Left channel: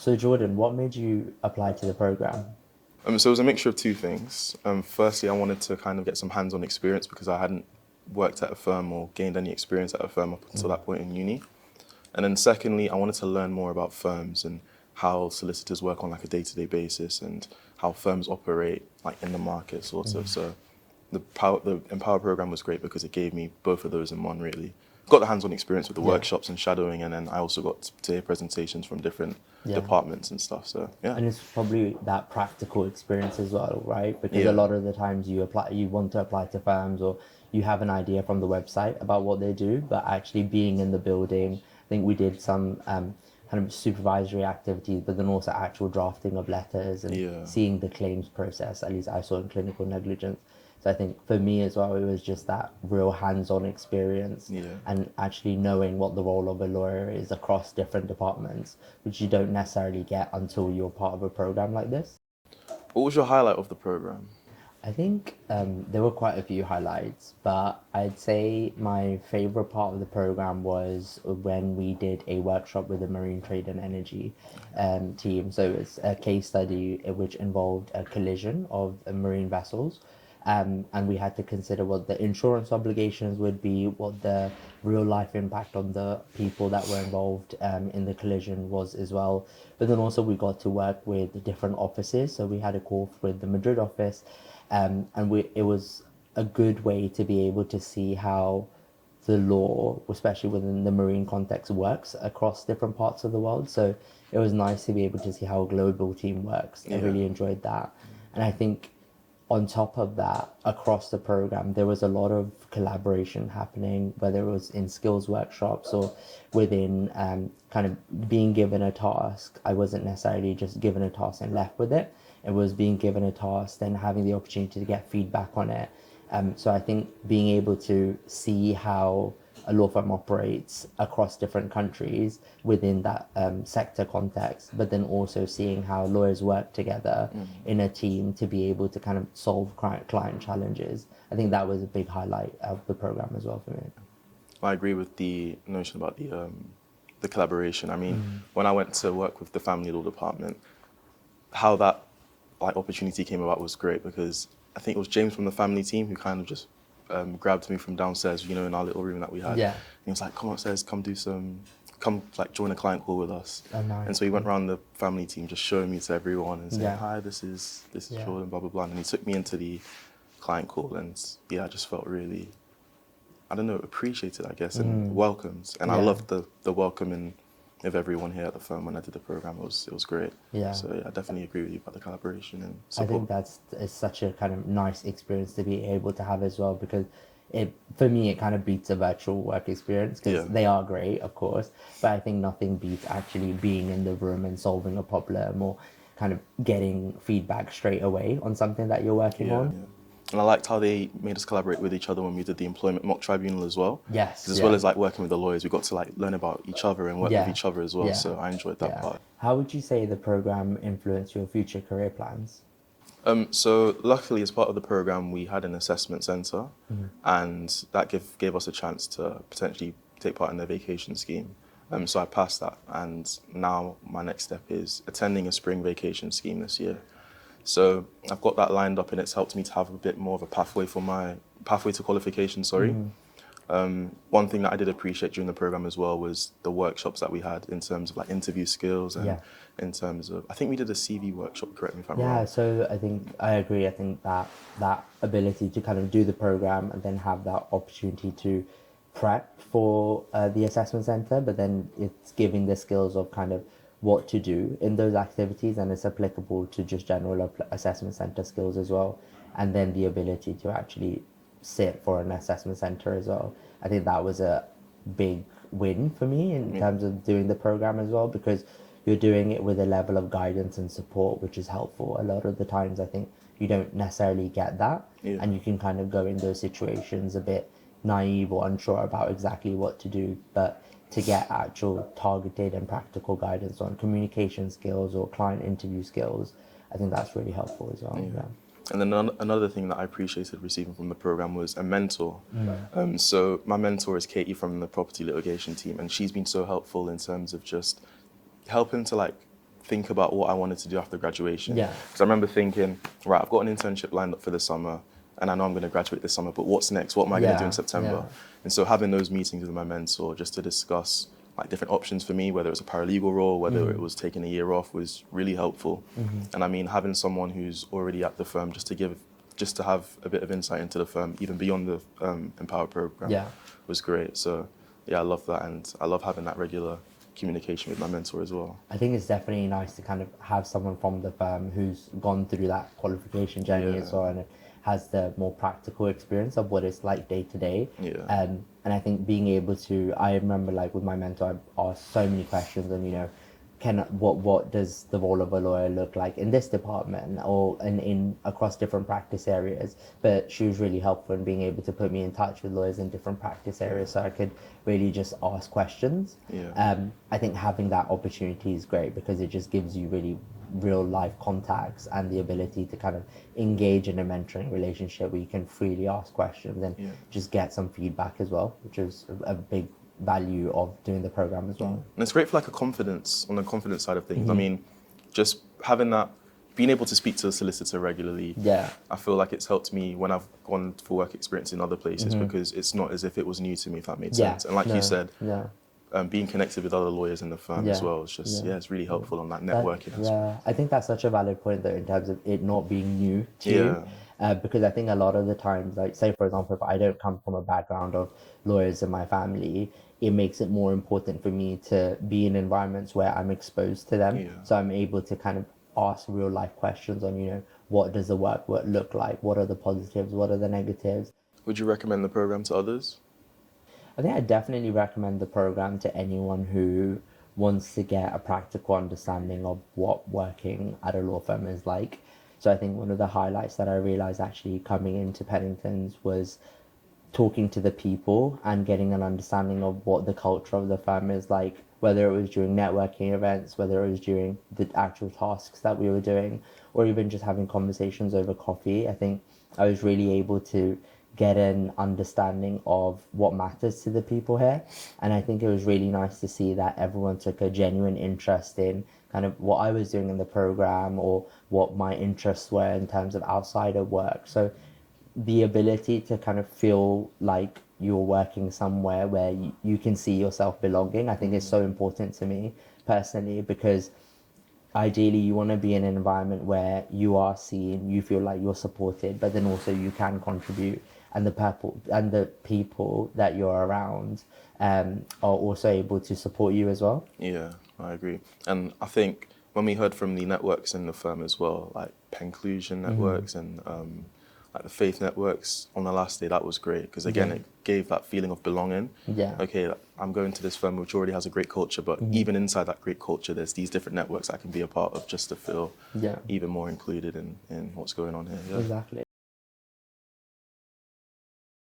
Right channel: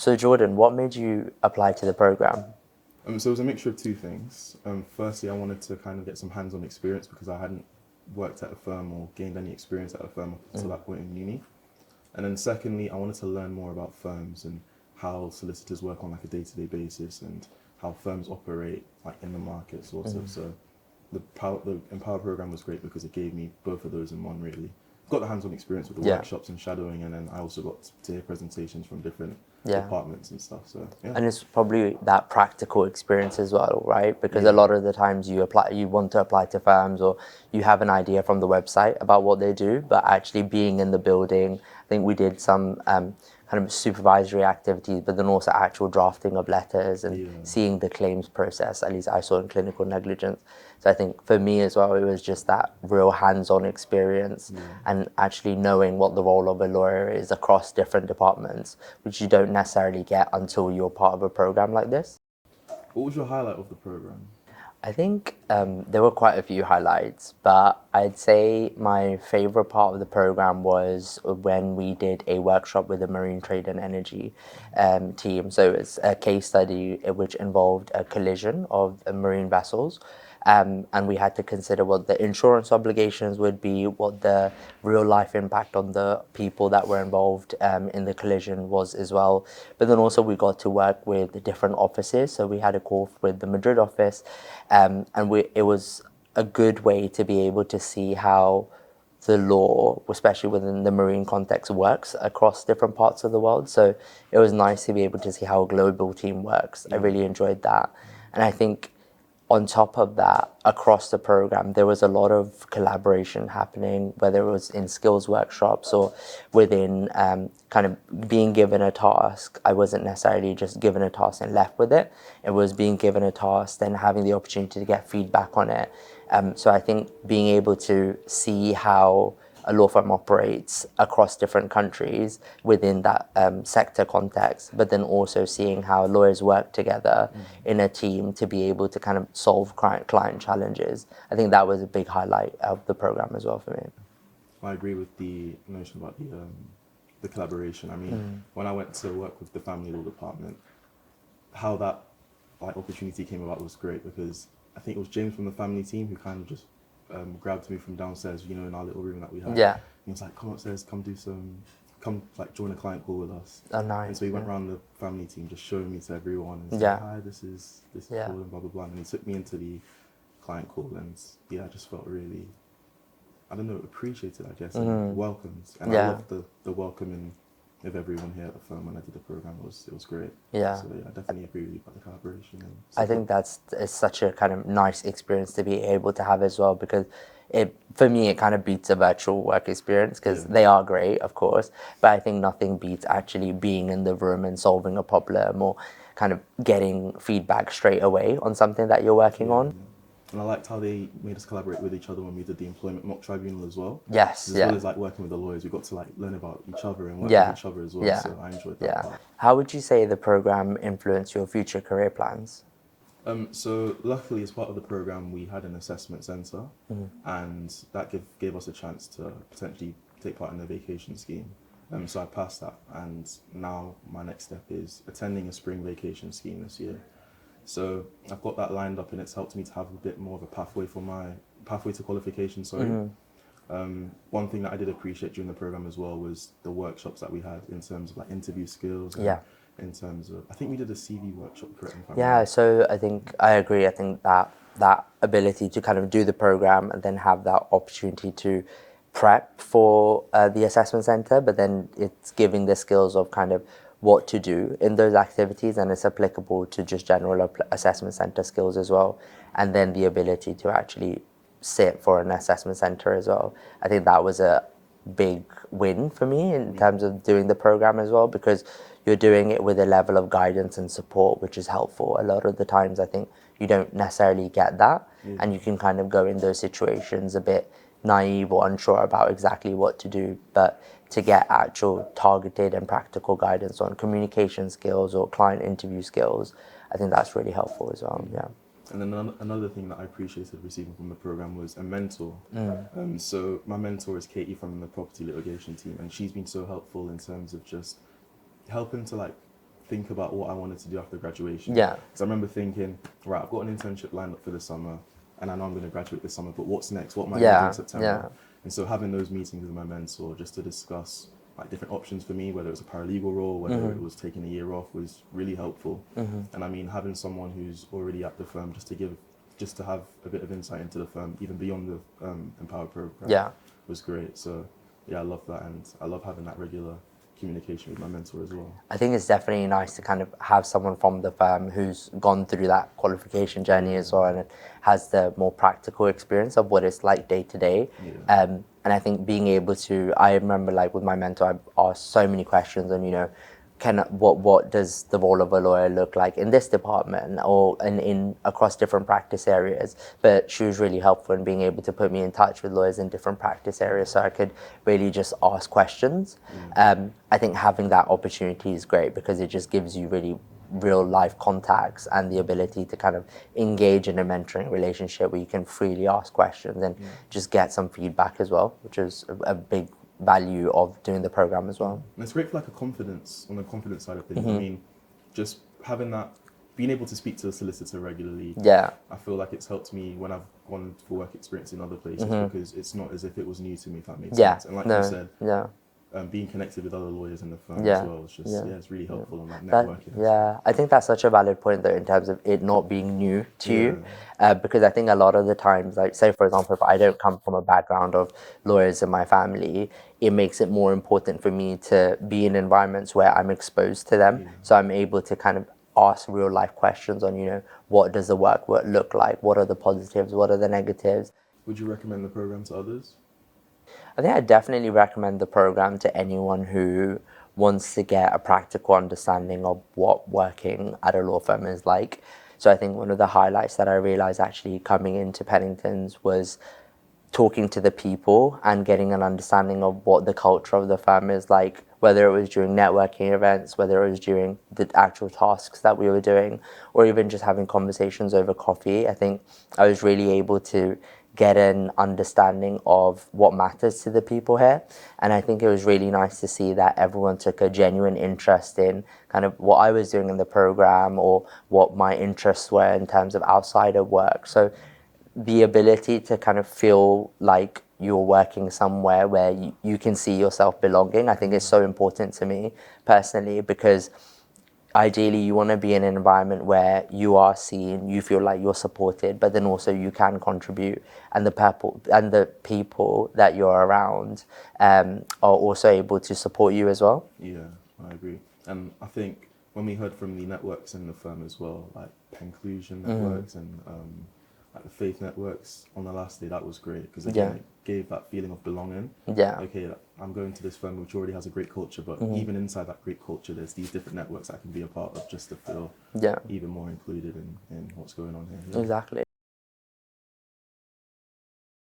So Jordan, what made you apply to the program? So it was a mixture of two things. Firstly, I wanted to kind of get some hands-on experience because I hadn't worked at a firm or gained any experience at a firm up until that point in uni. And then secondly, I wanted to learn more about firms and how solicitors work on like a day-to-day basis and how firms operate like in the market sort of. So the Empower program was great because it gave me both of those in one really. Got the hands-on experience with the Yeah. workshops and shadowing, and then I also got to hear presentations from different Yeah. departments and stuff. So yeah. And it's probably that practical experience as well, right? Because a Yeah. lot of the times you want to apply to firms or you have an idea from the website about what they do, but actually being in the building, I think we did some kind of supervisory activities, but then also actual drafting of letters and Yeah. seeing the claims process, at least I saw in clinical negligence. So I think for me as well, it was just that real hands-on experience Yeah. and actually knowing what the role of a lawyer is across different departments, which you don't necessarily get until you're part of a program like this. What was your highlight of the program? I think there were quite a few highlights, but I'd say my favorite part of the program was when we did a workshop with the Marine Trade and Energy team. So it's a case study which involved a collision of marine vessels. And we had to consider what the insurance obligations would be, what the real life impact on the people that were involved in the collision was as well. But then also we got to work with the different offices. So we had a call with the Madrid office, and it was a good way to be able to see how the law, especially within the marine context, works across different parts of the world. So it was nice to be able to see how a global team works. I really enjoyed that. And I think on top of that, across the program, there was a lot of collaboration happening, whether it was in skills workshops or within kind of being given a task. I wasn't necessarily just given a task and left with it. It was being given a task, then having the opportunity to get feedback on it. So I think being able to see how a law firm operates across different countries within that sector context, but then also seeing how lawyers work together in a team to be able to kind of solve client challenges. I think that was a big highlight of the program as well for me. I agree with the notion about the collaboration. I mean, when I went to work with the family law department, how that like opportunity came about was great because I think it was James from the family team who kind of just grabbed me from downstairs, you know, in our little room that we had. Yeah. He was like, come upstairs, come like join a client call with us. Oh, nice. And so he went around the family team just showing me to everyone and saying, Yeah. hi, this is Jordan, blah, blah, blah. And he took me into the client call and yeah, I just felt really, I don't know, appreciated, I guess, and welcomed. And I loved the welcoming of everyone here at the firm when I did the program. It was great. Yeah. So yeah, I definitely agree with you about the collaboration and I support. think it's such a kind of nice experience to be able to have as well because for me it kind of beats a virtual work experience because they are great, of course, but I think nothing beats actually being in the room and solving a problem or kind of getting feedback straight away on something that you're working on. Yeah. And I liked how they made us collaborate with each other when we did the employment mock tribunal as well. Yes. As well as like working with the lawyers, we got to like learn about each other and work with each other as well. So I enjoyed that part. How would you say the program influenced your future career plans? So luckily, as part of the program, we had an assessment center, and that gave us a chance to potentially take part in the vacation scheme. So I passed that, and now my next step is attending a spring vacation scheme this year. So I've got that lined up, and it's helped me to have a bit more of a pathway to qualification. Sorry. One thing that I did appreciate during the program as well was the workshops that we had in terms of like interview skills and in terms of, I think we did a CV workshop, correct me if I'm wrong. Yeah, so I think I agree. I think that ability to kind of do the program and then have that opportunity to prep for the assessment center, but then it's giving the skills of kind of what to do in those activities, and it's applicable to just general assessment center skills as well, and then the ability to actually sit for an assessment center as well. I think that was a big win for me in terms of doing the program as well, because you're doing it with a level of guidance and support which is helpful. A lot of the times I think you don't necessarily get that, and you can kind of go in those situations a bit naive or unsure about exactly what to do, but to get actual targeted and practical guidance on communication skills or client interview skills, I think that's really helpful as well. Yeah. And then another thing that I appreciated receiving from the program was a mentor. So my mentor is Katie from the property litigation team, and she's been so helpful in terms of just helping to like think about what I wanted to do after graduation. Yeah. Because I remember thinking, right, I've got an internship lined up for the summer, and I know I'm going to graduate this summer, but what's next? What am I going to do in September? And so having those meetings with my mentor just to discuss like different options for me, whether it's a paralegal role, whether it was taking a year off, was really helpful. And I mean, having someone who's already at the firm just to have a bit of insight into the firm, even beyond the Empower program, was great. So yeah, I love that, and I love having that regular communication with my mentor as well. I think it's definitely nice to kind of have someone from the firm who's gone through that qualification journey as well, and has the more practical experience of what it's like day to day. And I think being able to, I remember like with my mentor, I asked so many questions on, you know, what does the role of a lawyer look like in this department or in across different practice areas. But she was really helpful in being able to put me in touch with lawyers in different practice areas so I could really just ask questions. I think having that opportunity is great because it just gives you really real life contacts and the ability to kind of engage in a mentoring relationship where you can freely ask questions and just get some feedback as well, which is a big value of doing the program as well. And it's great for like on the confidence side of things. I mean, just having that, being able to speak to a solicitor regularly, I feel like it's helped me when I've gone for work experience in other places because it's not as if it was new to me, if that makes sense. And like you said, being connected with other lawyers in the firm as well, it's just, it's really helpful on that networking. I think that's such a valid point though in terms of it not being new to you. Because I think a lot of the times, like say for example, if I don't come from a background of lawyers in my family, it makes it more important for me to be in environments where I'm exposed to them. So I'm able to kind of ask real life questions on, you know, what does the work look like? What are the positives? What are the negatives? Would you recommend the program to others? I think I definitely recommend the program to anyone who wants to get a practical understanding of what working at a law firm is like. So I think one of the highlights that I realized actually coming into Pennington's was talking to the people and getting an understanding of what the culture of the firm is like, whether it was during networking events, whether it was during the actual tasks that we were doing, or even just having conversations over coffee. I think I was really able to get an understanding of what matters to the people here. And I think it was really nice to see that everyone took a genuine interest in kind of what I was doing in the program or what my interests were in terms of outside of work. So the ability to kind of feel like you're working somewhere where you can see yourself belonging, I think is so important to me personally, because ideally you want to be in an environment where you are seen, you feel like you're supported, but then also you can contribute, and the people that you're around are also able to support you as well. Yeah, I agree. And I think when we heard from the networks in the firm as well, like Penclusion networks and like the faith networks on the last day, that was great because again it gave that feeling of belonging. Okay, like, I'm going to this firm which already has a great culture, but even inside that great culture there's these different networks I can be a part of just to feel even more included in what's going on here. Exactly.